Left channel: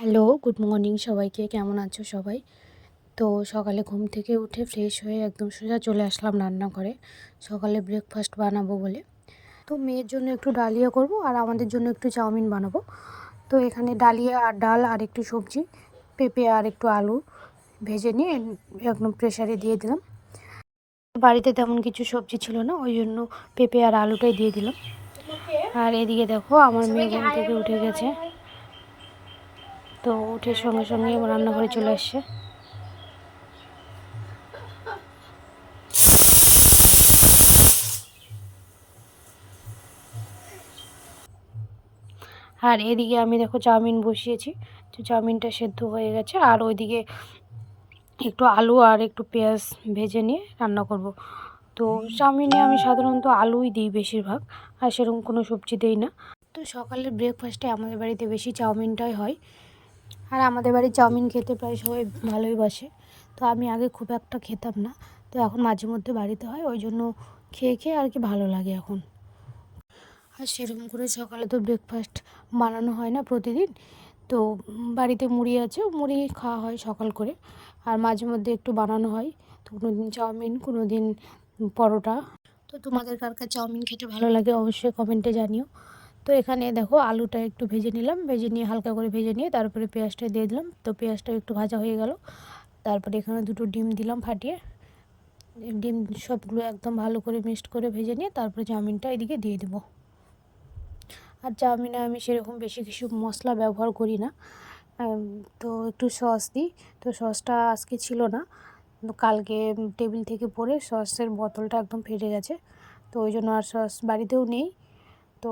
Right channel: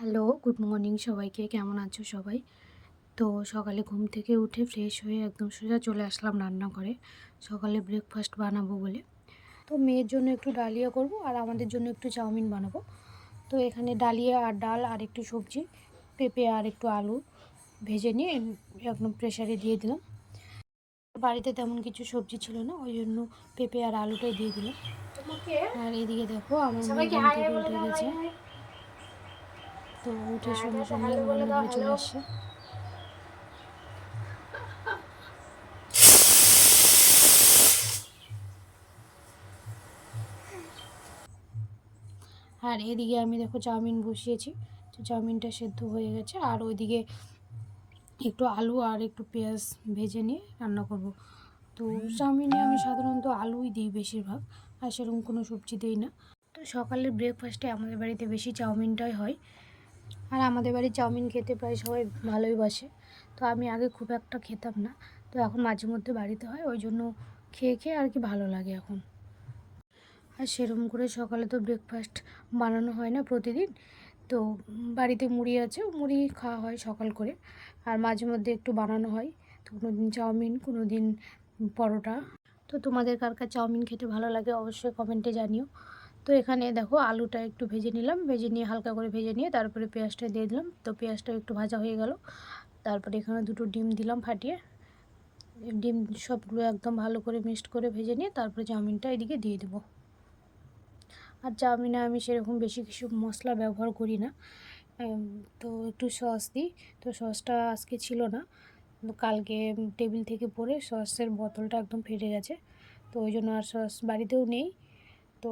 Hello, good morning সবাইকে। কেমন আছো সবাই? তো সকালে ঘুম থেকে উঠে ফ্রেশ হয়ে একদম সোজা চলে আসলাম রান্নাঘরে। সকালে ব্রেকফাস্ট বানাবো বলে। তো মেয়ের জন্য একটু ডালিয়া করব আর আমাদের জন্য একটু চাউমিন বানাবো। তো এখানে ডালিয়া আর ডাল আর একটু সবজি, পেঁপে আর একটু আলু ভেজে নিয়ে একদম প্রেসারে দিয়ে দিলাম। বাড়িতে তেমন কিছু সবজি ছিল না, ওই জন্য পেঁপে আর আলুটাই দিয়ে দিলাম। আর এদিকে দেখো আমার মেয়ে ঘুম থেকে উঠে গেছে। তো উঠে সঙ্গে সঙ্গে রান্নাঘরে চলে আসছে। আর এদিকে আমি দেখো চাউমিন বসিয়েছি। তো চাউমিনটা সেদ্ধ হয়ে গেছে আর ওইদিকে একটু আলু আর একটু পেঁয়াজ ভেজে নিয়ে রান্না করব। তো চাউমিনে আমি সাধারণত আলুই দিই বেশিরভাগ, আর সেরকম কোনো সবজি দিই না। তো সকালের ব্রেকফাস্টে আমাদের বাড়িতে বেশি চাউমিনটাই হয়। আর আমাদের বাড়ির চাউমিন খেতে প্রায় সবাই ভালোই বাসে। তো আমি আগে খুব একটা খেতাম না, তো এখন মাঝে মধ্যে বাড়িতে হয়, ওই জন্য খেয়ে খেয়ে আর কি ভালো লাগে এখন। আর সেরকম করে সকালে তো ব্রেকফাস্ট বানানো হয় না প্রতিদিন। তো বাড়িতে মুড়ি আছে, মুড়ি খাওয়া হয় সকাল করে। আর মাঝে মধ্যে একটু বানানো হয়, তো কোনো দিন চাউমিন, কোনো দিন পরোটা। তো তোমাদের কার কার চাউমিন খেতে ভালো লাগে অবশ্যই কমেন্টে জানিও। তো এখানে দেখো আলুটা একটু ভেজে নিলাম, ভেজে নিয়ে হালকা করে ভেজে নিয়ে তারপরে পেঁয়াজটা দিয়ে দিলাম। তো পেঁয়াজটা একটু ভাজা হয়ে গেল, তারপরে এখানে দুটো ডিম দিলাম ফাটিয়ে। ডিম সবগুলো একদম ভালো করে মিক্সড করে ভেজে নিয়ে তারপরে চাউমিনটা এদিকে দিয়ে দেবো। আর চাউমিনে আমি সেরকম বেশি কিছু মশলা ব্যবহার করি না। তো একটু সস দিই। তো সসটা আজকে ছিল না, কালকে টেবিল থেকে পড়ে সসের বোতলটা একদম ফেটে গেছে। তো ওই জন্য আর সস বাড়িতেও নেই, তো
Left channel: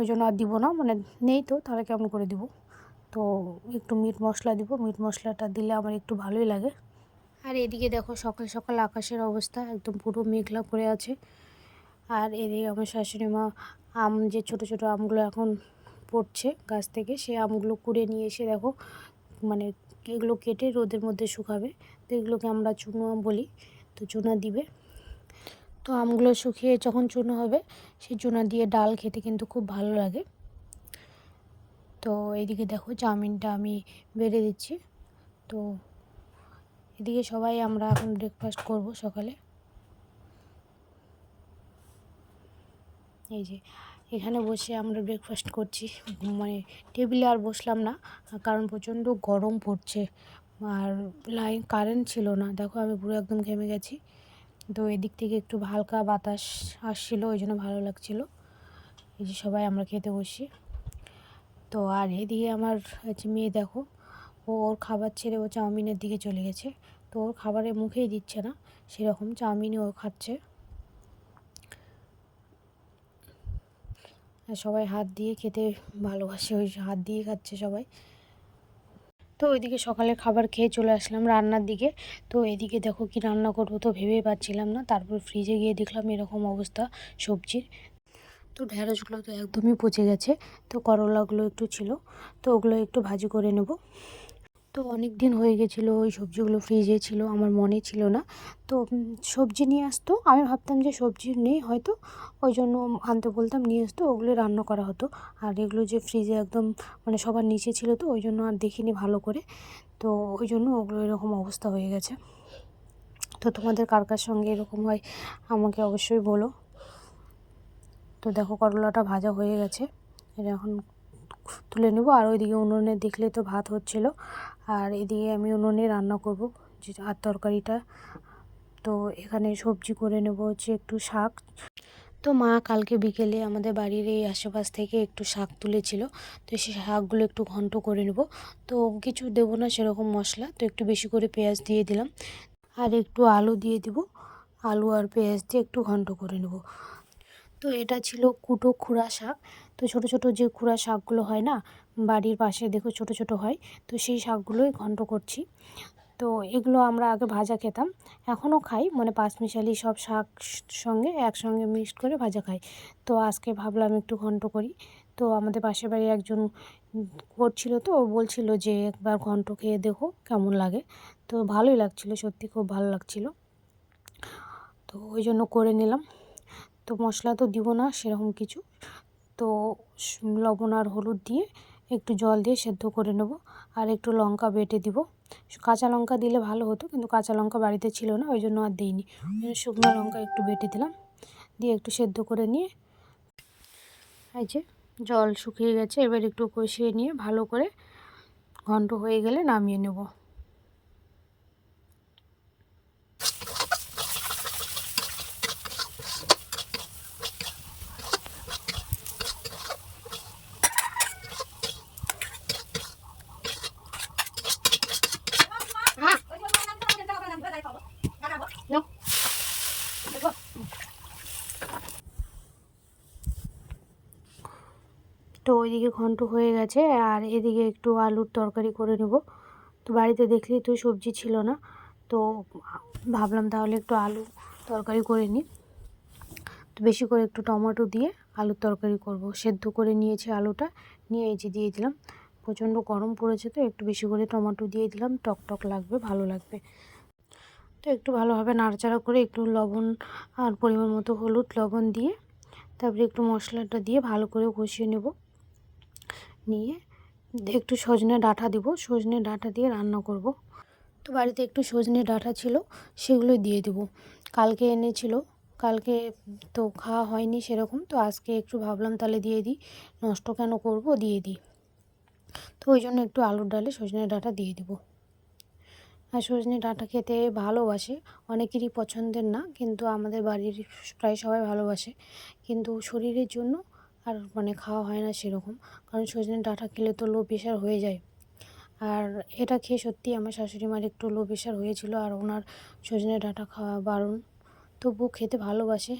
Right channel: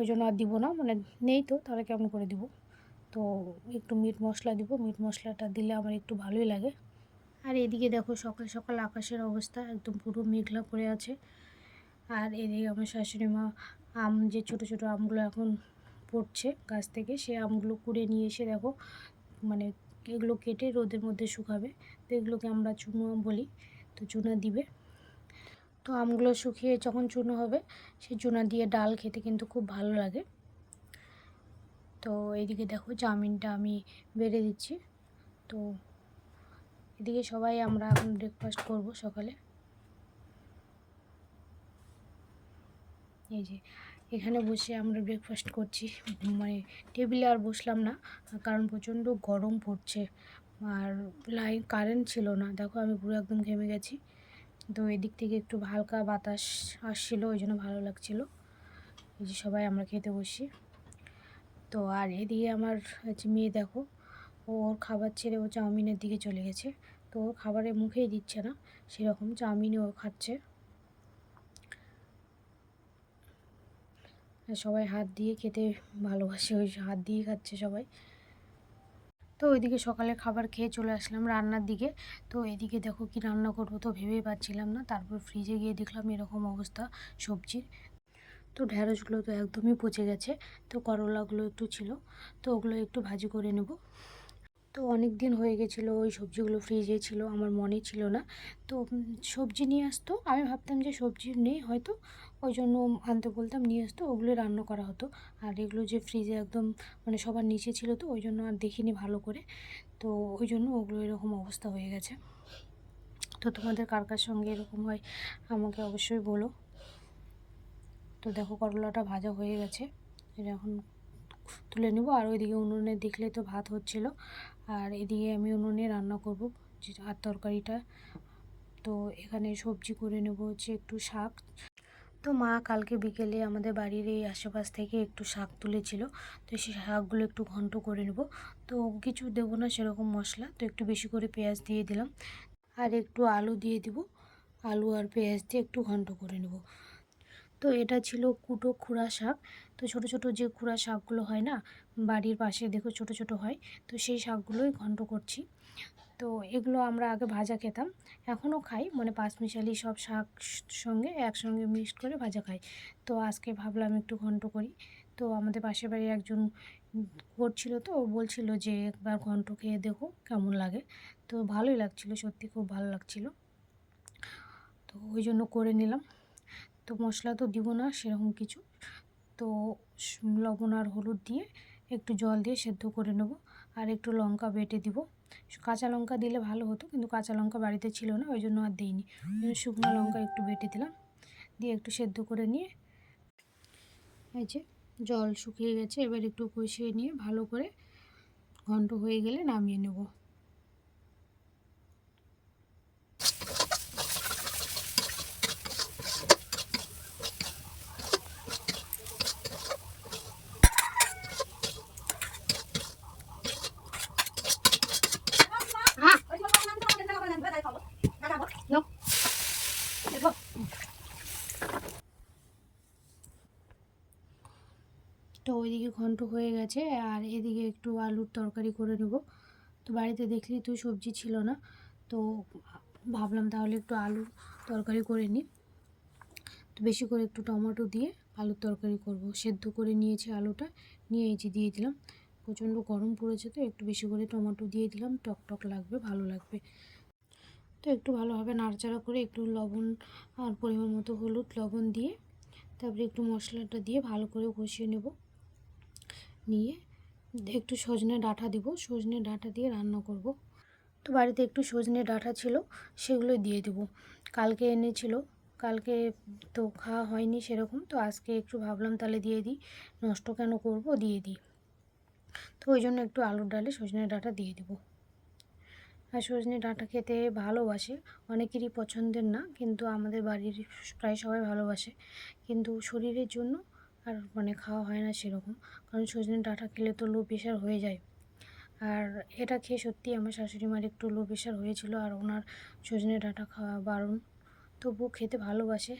ওই জন্য আর দিব না, মানে নেই তো তাহলে কেমন করে দিব। তো একটু মিট মশলা দিব, মিট মশলাটা দিলে আমার একটু ভালোই লাগে। আর এদিকে দেখো সকাল সকাল আকাশের অবস্থা একদম পুরো মেঘলা করে আছে। আর এদিকে আমার শাশুড়ি মা যে ছোটো ছোটো আমগুলো এখন পড়ছে গাছ থেকে, সেই আমগুলো কুড়ে নিয়ে এসে দেখো, মানে এগুলো কেটে রোদের মধ্যে শুকাবে। তো এগুলোকে আমরা চুনো আম বলি। তো চুনা দিবে। তো আমগুলো শুকিয়ে যখন চুনো হবে, সেই চুনা দিয়ে ডাল খেতে কিন্তু খুব ভালো লাগে। তো এদিকে দেখো চাউমিনটা আমি বেড়ে দিচ্ছি। তো এদিকে সবাই আমরা এখন ব্রেকফাস্ট করব সকালে। এই যে এখানে বসে আমরা ব্রেকফাস্ট করছি, মানে টেবিলে আর বসলাম না, কারণ প্রচণ্ড গরম পড়ছে। আর কারেন্ট ছিল না, দেখো আমি পুরো একদম ঘেমে গেছি। তো এদিক থেকে একটু হালকা বাতাস আসছিলো, ওই জন্য ভালো লাগছিলো। এই যে সবাই আমরা খেতে বসি। তো আর এদিকে আমার মেয়ে দেখো, ওর খাবার ছেড়ে ও চাউমিনের দিকে চলে গেছে। তো ওর খাবারে মুখেই দিচ্ছে না, সেরকম চাউমিনই ও খাচ্ছে। সবাই হাত দিয়ে খেতে ভালোবাসে, ওই হাত দিয়ে খাচ্ছে সবাই। তো ওইদিকে সকালে খাবার খেয়ে চলে আসলাম রান্নার দিকে। তো এদিকে দেখো কি রান্না করবো তো ভেবেই পাচ্ছিলাম না। তারপর ফ্রিজে গিয়ে দেখলাম এরকম অবস্থা সবজির। তো ঢ্যাঁড়সগুলো তো একদমই পচে গেছে। তো করলাগুলো একটু ছিল, তো ওগুলো একটু ভাজি করে নেব। তো অনেক দিন হয়ে গেছিলো ওই সবজিগুলো ফ্রিজে ছিল, আমার মনে ছিল না। তো সবজি নিয়ে আসতো, আমি ভাবতাম যে সবজি নেই হয়তো, ওই জন্য আনতে বলতাম, নিয়ে আসতো, ওগুলো রান্না করা হতো। আর এগুলো যে ফ্রিজে একদম মানে সবার নিচে ছিল, তো ওই জন্য আর দেখিনি ভালো করে। তো ওই জন্য ওগুলো এরকম অবস্থা হয়ে গেছে। তো তোমাদের কার কার সঙ্গে এরকম হয় আমাকে অবশ্যই বলো। তো দেখো করলাটা ভাজা হয়ে গেছে, এটা এখন তুলে নেব। আর ওইদিকে উনুনে দেখলে তো ভাত হচ্ছিলো, আর এদিকে আমি উনুনে রান্না করব যে আর তরকারিটা। তো এখানে সবজি করে নেব হচ্ছে একটু শাক। তো মা কালকে বিকেলে আমাদের বাড়ির এই আশেপাশ থেকে একটু শাক তুলেছিল, তো সেই শাকগুলো একটু ঘন্ট করে নেব। তো কিছু দেবো না সেরকম মশলা, তো একটু বেশি করে পেঁয়াজ দিয়ে দিলাম আর একটু আলু দিয়ে দিব। আলু আর পেঁয়াজ দিয়ে একটু ঘন্ট করে নেব। তো এটা ছিল কুটো খুরা শাক। তো ছোট ছোট যে খুরা শাকগুলো হয় না, বাড়ির পাশে দেখো ছোট ছোট হয়, তো সেই শাকগুলোই ঘন্ট করছি। তো এগুলো আমরা আগে ভাজা খেতাম, এখনও খাই, মানে পাঁচমিশালি সব শাক সঙ্গে একসঙ্গে মিক্সড করে ভাজা খাই। তো আজকে ভাবলাম একটু ঘন্ট করি। তো আমাদের পাশের বাড়ি একজন করছিল, তো ও বলছিল যে একবার ঘন্ট খেয়ে দেখো কেমন লাগে। তো ভালোই লাগছিলো, সত্যি খুব ভালো লাগছিলো। তো ওই জন্য করে নিলাম। তো মশলা তো দিব না সেরকম কিছু, তো লবণ আর হলুদ দিয়ে একটু জল দিয়ে সেদ্ধ করে নেব। আর একটু লঙ্কা বেটে দিব। কাঁচা লঙ্কা দিলে ভালো হতো, কিন্তু কাঁচা লঙ্কা বাড়িতে ছিল না, ওই জন্য আর দিইনি। শুকনো লঙ্কা একটু বেটে দিলাম, দিয়ে একটু সেদ্ধ করে নিয়ে এই যে জল শুকিয়ে গেছে। এবার একটু কষিয়ে নিয়ে ভালো করে ঘন্ট হয়ে গেলে নামিয়ে নেব। তো ওইদিকে ঘন্ট হয়ে গেছে, আর এদিকে একটু আলুর তরকারি করে নেব। তো বাড়িতে দেখলেই তো সবজি ছিল না, তো ভাবলাম তাহলে একটু আলু তরকারি করে নিই। তো বেশি করে একটু টমেটো দিয়ে আলুর তরকারি করব। সেদ্ধ করে নিয়েছি আলুটা, নিয়ে এই যে দিয়ে দিলাম। প্রচণ্ড গরম পড়েছে, তো একটু বেশি করে টমেটো দিয়ে দিলাম, টক টক লাগবে, ভালো লাগবে। তো একটু ভালোভাবে নাড়াচাড়া করে একটু লবণ আর পরিমাণ মতো হলুদ লবণ দিয়ে তারপরে একটু মশলাটা দিয়ে ভালো করে কষিয়ে নেব। নিয়ে একটু সজনে ডাঁটা দিব, সজনে ডাঁটা দিয়ে রান্না করব। তো বাড়িতে একটু সজনে ডাঁটা ছিল, সেগুলো দিয়ে দেব। কালকে এনেছিল, কালকে তো খাওয়া হয়নি সেরকম, তো আজকে একটু ভাবলাম তাহলে দিয়ে দিই, নষ্ট কেন করব, দিয়ে দিই। তো ওই জন্য একটু আলুর ডালে সজনে ডাঁটা দিয়ে দিব। আর সজনে ডাঁটা খেতে ভালোবাসে, অনেকেরই পছন্দের না, কিন্তু আমাদের বাড়ির প্রায় সবাই ভালোবাসে। কিন্তু শরীরের জন্য আর খাওয়া হয় না সেরকম, কারণ সজনে ডাঁটা খেলে তো লো প্রেশার হয়ে যায়। আর এটা খেয়ে সত্যি আমার শাশুড়ি মার একটু লো প্রেশার হয়েছিল, আর ওনার সজনে ডাঁটা খাওয়া বারণ, তবুও খেতে ভালোবাসে।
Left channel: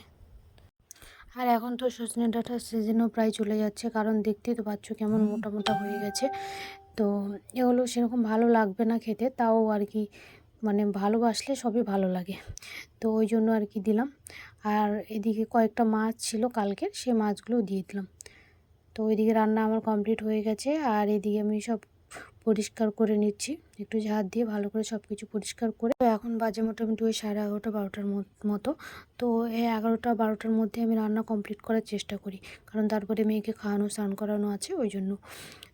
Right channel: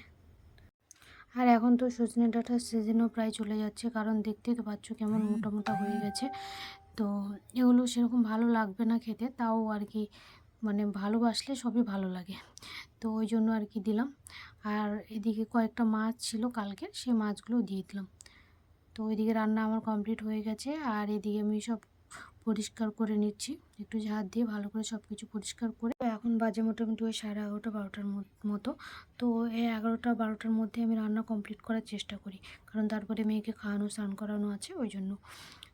আর এখন তো সজনে ডাঁটার সিজনও প্রায় চলে যাচ্ছে, কারণ দেখতেই তো পাচ্ছ কেমন মোটা মোটা হয়ে গেছে। তো এগুলো সেরকম ভালো লাগবে না খেতে, তাও আর কি ভালোবাসলে সবই ভালো লাগে, তো ওই জন্য আর কি দিলাম। আর এদিকে কয়েকটা মাছ ছিল কালকের, সেই মাছগুলো দিয়ে দিলাম। তো ওইদিকে রান্না আমার কমপ্লিট হয়ে গেছে, আর এদিকে আমি সব পরিষ্কার করে নিচ্ছি, একটু ঝাড় দিয়ে ভালো করে সব কিছু পরিষ্কার করে। তো এখন বাজে মোটামুটি ওই 11:30 12টার মতো। তো এই 11টা 12টার মধ্যে আমি রান্না কমপ্লিট করার চেষ্টা করি, কারণ তারপরে মেয়েকে খাওয়ানো স্নান করানো আছে, ওই জন্য।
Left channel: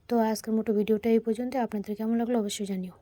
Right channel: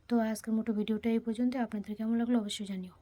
তো আজকের মতো ভিডিওটা এই পর্যন্ত। আপনাদের কেমন লাগলো অবশ্যই জানিও।